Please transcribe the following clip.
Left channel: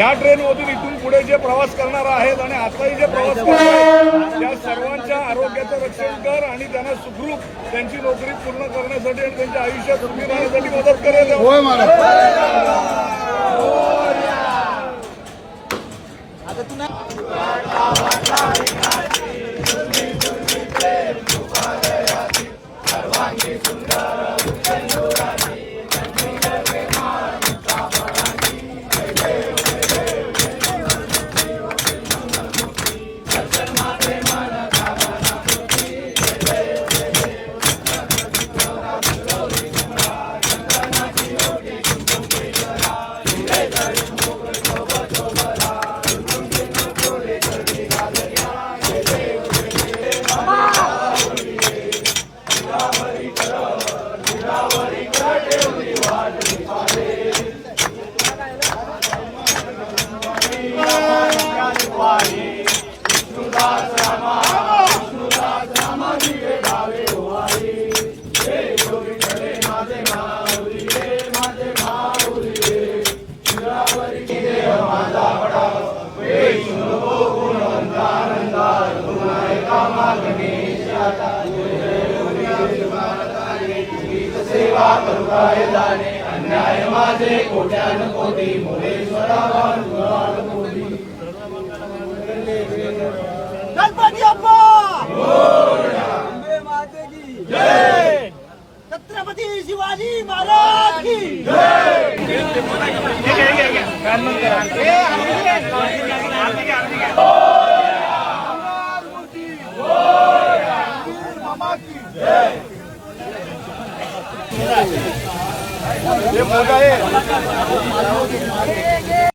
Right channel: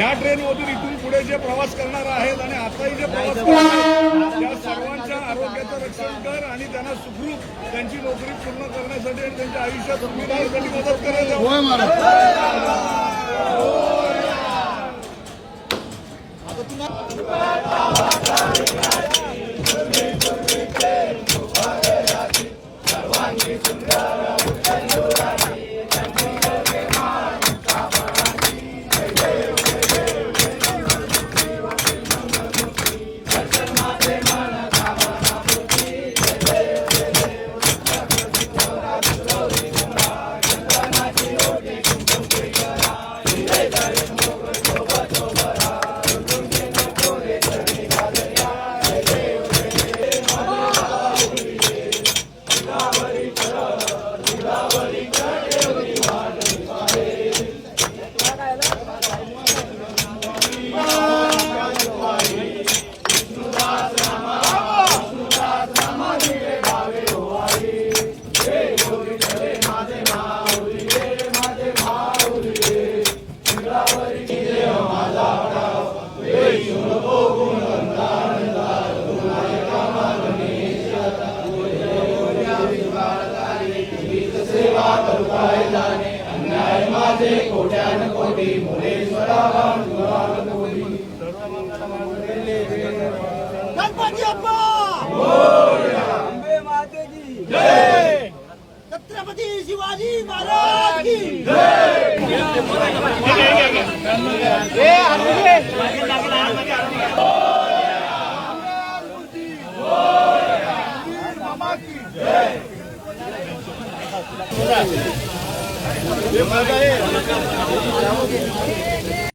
या ट्रेनमधून इथून पुढे जे प्रवास करणार आहेत आणि आताही जे प्रवास करणार आहेत त्या सर्वांच्या आरोग्याचं रक्षण कर आणि त्यांना सुखरूप त्यांची नोकरी पूर्ण करण्यासाठी आणि त्यांच्या आयुष्यात सुखी राहण्यासाठी मदत करेल. अन्याय माझे कोट्यान कोटी मुलेश्वराला गणपती अप्पा अंबे माते की जय, छत्रपती शिवाजी महाराज की जय. हे मोठा आहे.